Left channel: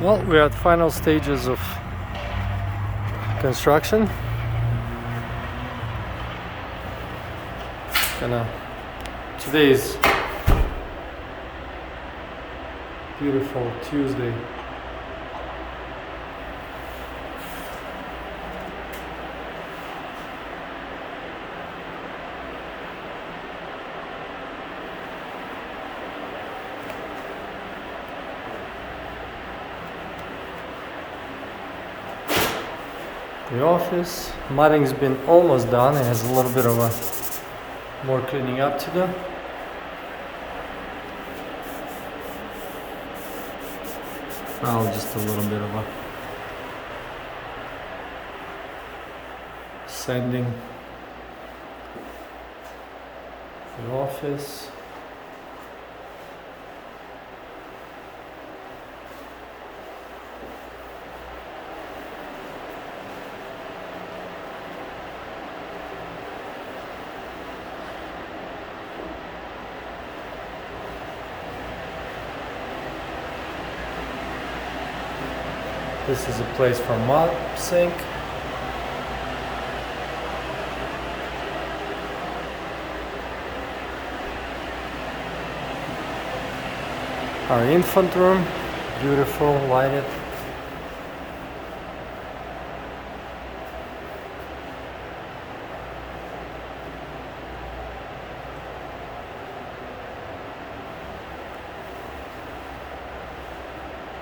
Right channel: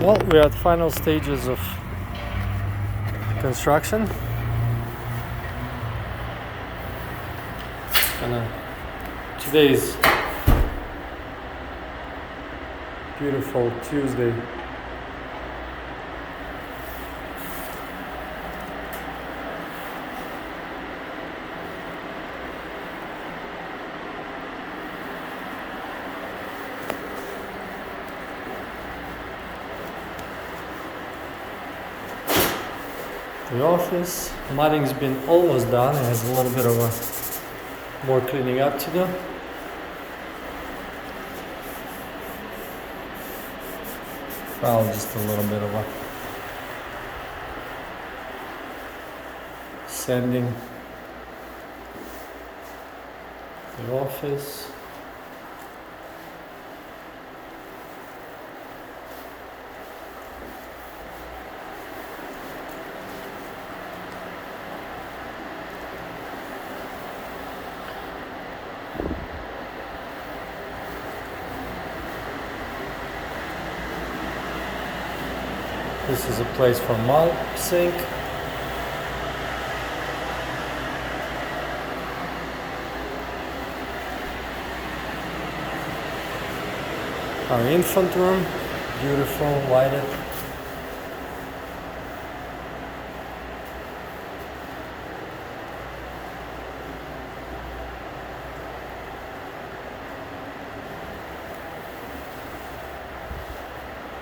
Well, we're at final stages of construction. Today is beautiful Tuesday. The office mudding's been almost done. It has a little bit of a more cleaning up to do. Probably just a little bit of a sanding the office. This is a place for mud sink. Our infant room, beautiful, lighted.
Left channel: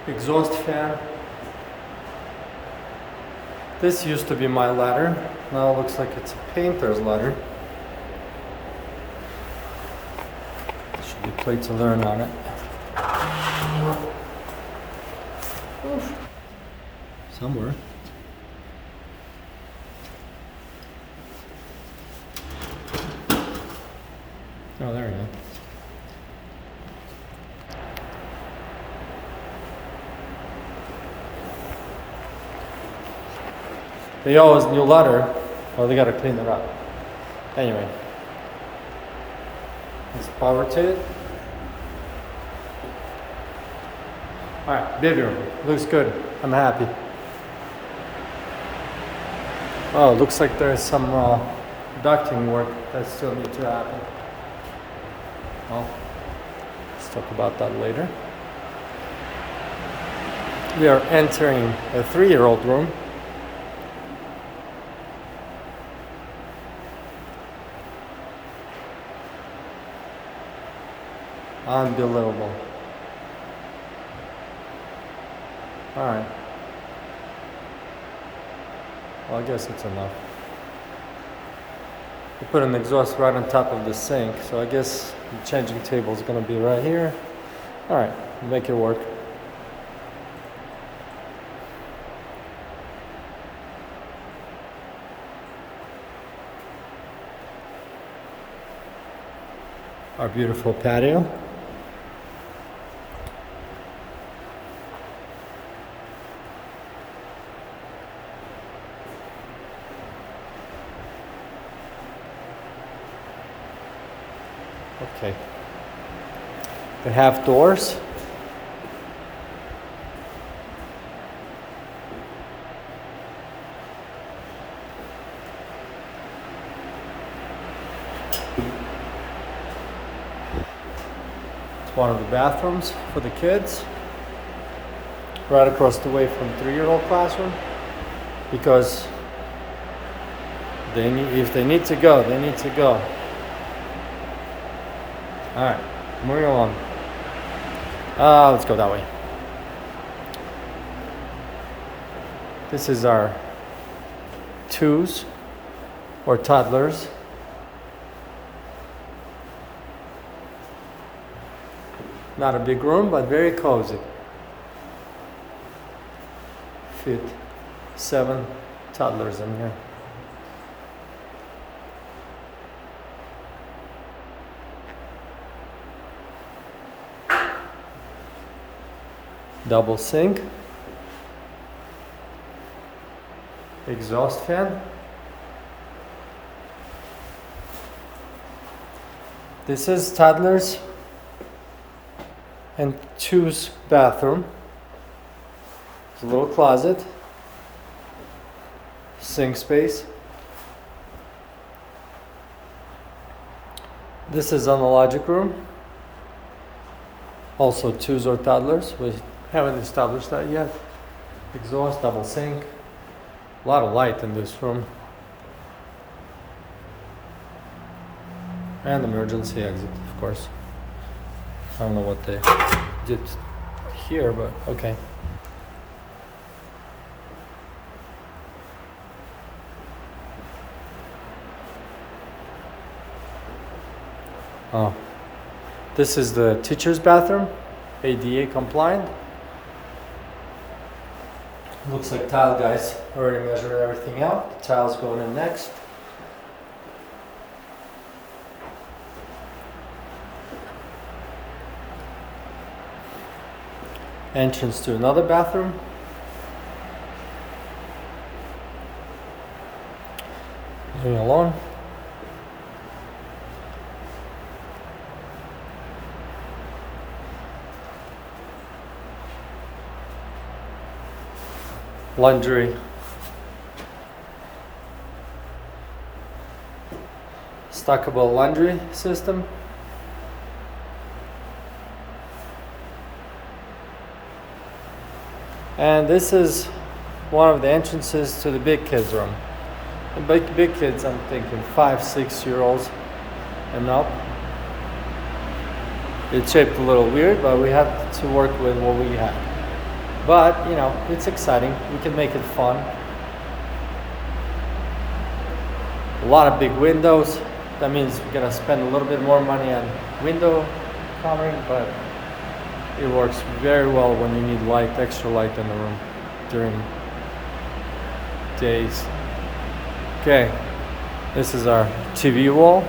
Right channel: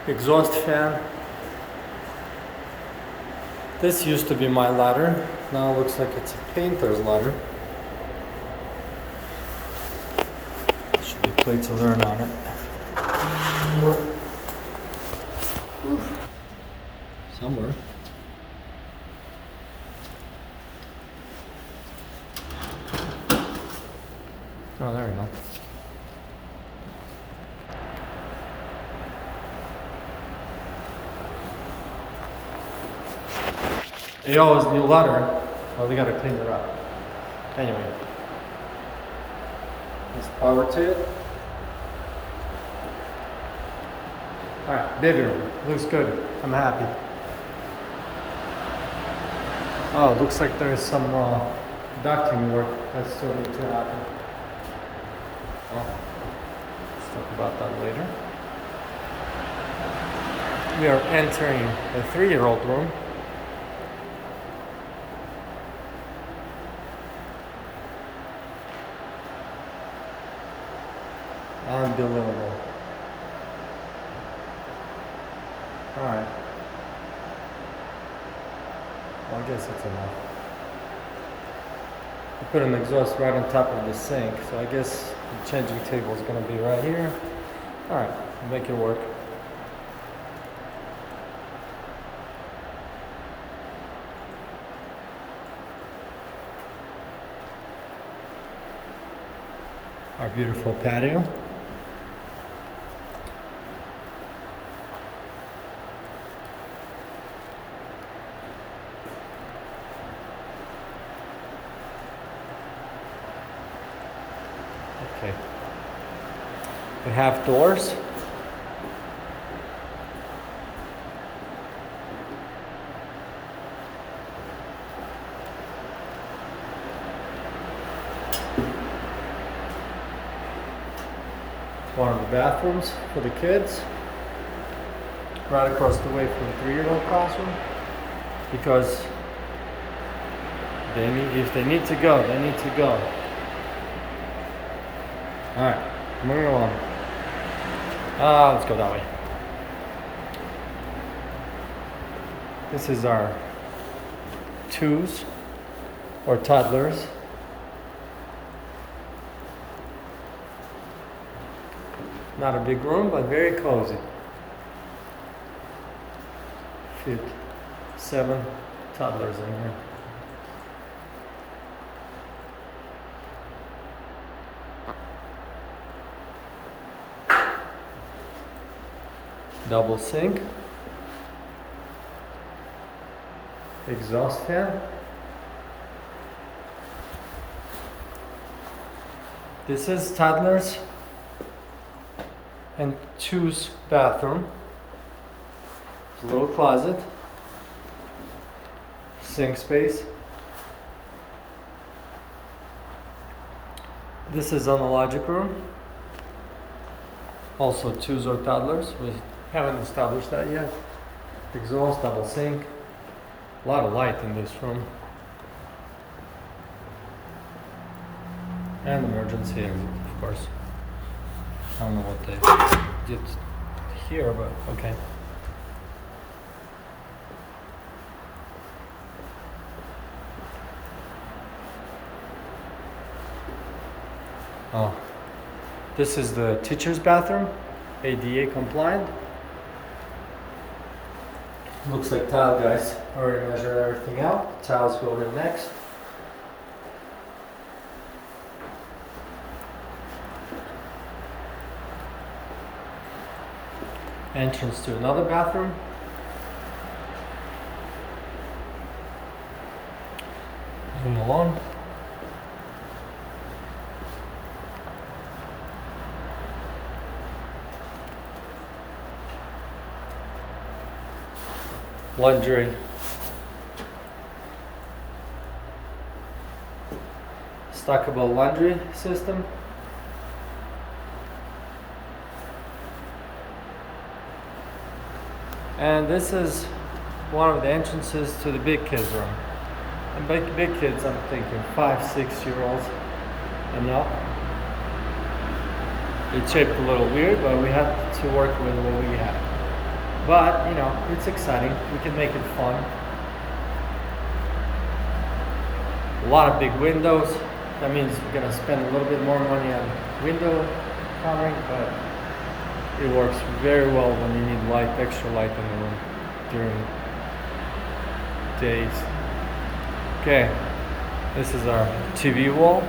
Exhaust fan. This used to be my ladder. Now it looks like it's a painter's ladder. Should be quick to learn on it. Oof. Somewhere. Oh, there we go. They always new ladder. Well, they gotta clean it up. Anyway, there's power to it. All right, bedroom looks good. I'm happy. Oh, looks like there's some ducting work that still needs to happen. Well, let's talk about that later. We are entering a 3-year-old room. Unbelievable. All right. Well, I guess it's enough. I put an exhaust right on top of the sink, so I guess the changing table is going to be right here. All right, make it work. Our beautiful patio. Okay. We have doors. It's one of the bathrooms for the kids. Right across the way from 3-year-old classroom. Because if they need to go, they need to go. All right, moving along. Let's go that way. This is our 2s or toddlers. Not a big room, but very cozy. Fit 7 toddlers in here. Double sink, exhaust fan. This is toddlers and 2's bathroom. a little closet, sink space. This is analogic room. Also twos or toddlers. We haven't established that yet. Exhaust, double sink. A lot of light in this room. And emergency exit, of course. I don't know what they did here, but okay. Oh, this is the teacher's bathroom, ADA compliant. Looks like tile guys already measured everything out. Tiles go in next. Entrance to another bathroom. Moving along. Laundry. Stackable laundry system. And this is one of the entrances to the big kids room. The big kids, I'm thinking 5-6 year olds and up. It's shaped a little weird, but we had to work with what we had. But, you know, it's exciting. We can make it fun. A lot of big windows. That means we're gonna spend a little bit more money on window covering, but it works very well when you need light, extra light in the room during days. Okay, this is our TV wall.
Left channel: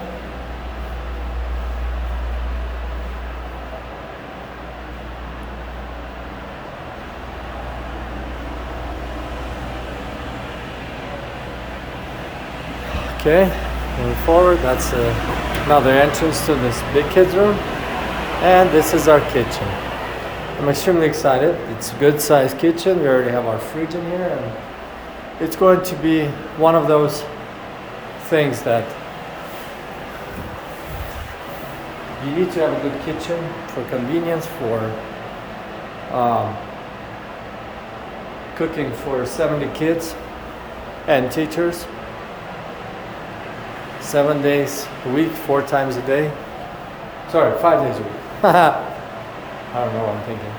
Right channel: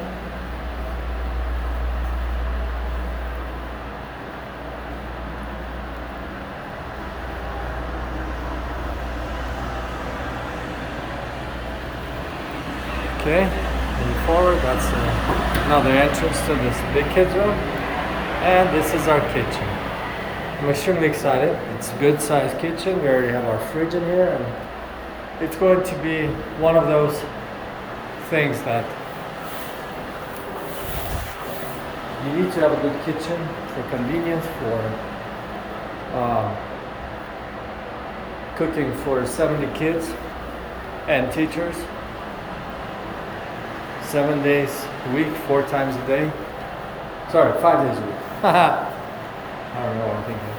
Okay, moving forward, that's another entrance to this big kids room. And this is our kitchen. I'm extremely excited. It's a good sized kitchen. We already have our fridge in here, and it's going to be one of those things that you need to have a good kitchen for convenience, for cooking for 70 kids and teachers. 7 days a week, 4 times a day. Sorry, 5 days a week. I don't know what I'm thinking.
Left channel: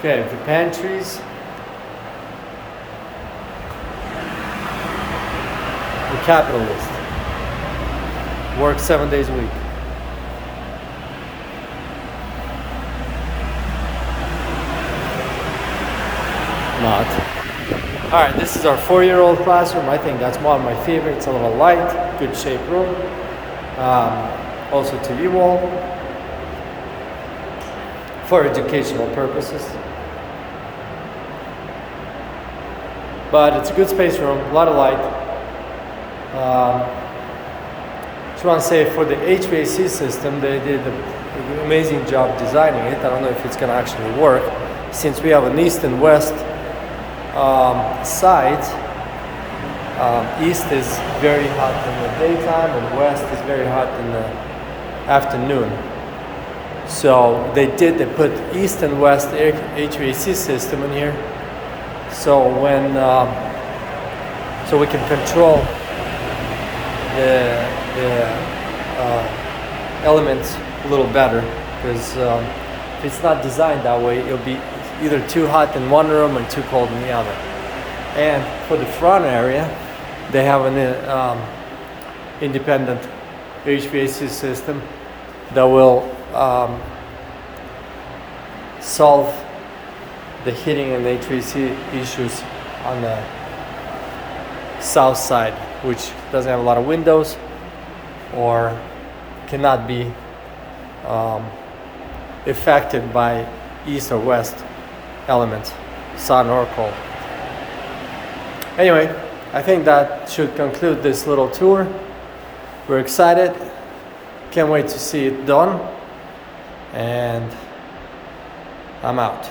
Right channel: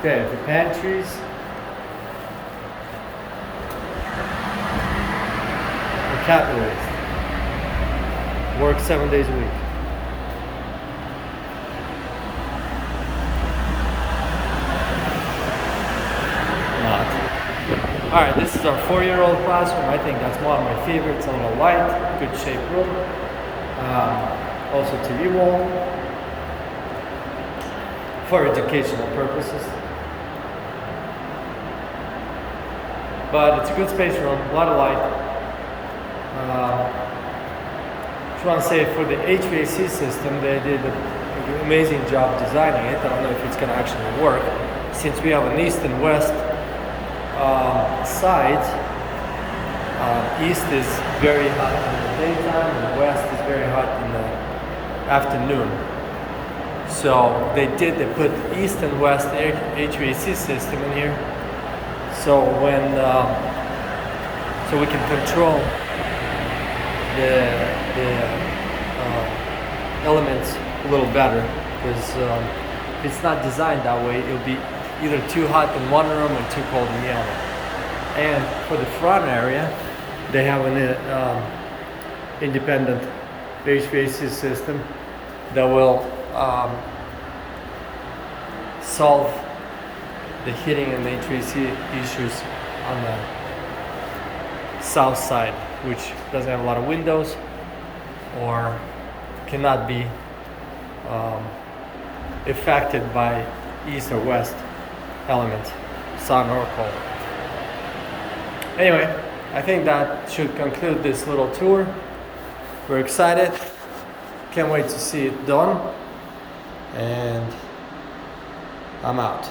Okay, the pantries. The capitalist. Work 7 days a week. Not. Alright, this is our 4-year-old classroom. I think that's one of my favorites. A little light, good shaped room. Also TV wall for educational purposes. But it's a good space room, a lot of light. Just want to say for the HVAC system, they did an amazing job designing it. I don't know if it's going to actually work, since we have an east and west sides. East is very hot in the daytime and west is very hot in the afternoon. So they put east and west HVAC system in here. So when so we can control the elements a little better, because if it's not designed that way, it'll be either too hot in one room and too cold in the other. And for the front area, they have an independent HVAC system that will solve the heating and HVAC issues on the south side, which doesn't have a lot of windows or cannot be affected by east or west elements, sun or cold. Anyway, I think that should conclude this little tour. We're excited. Can't wait to see it done. And I'm out.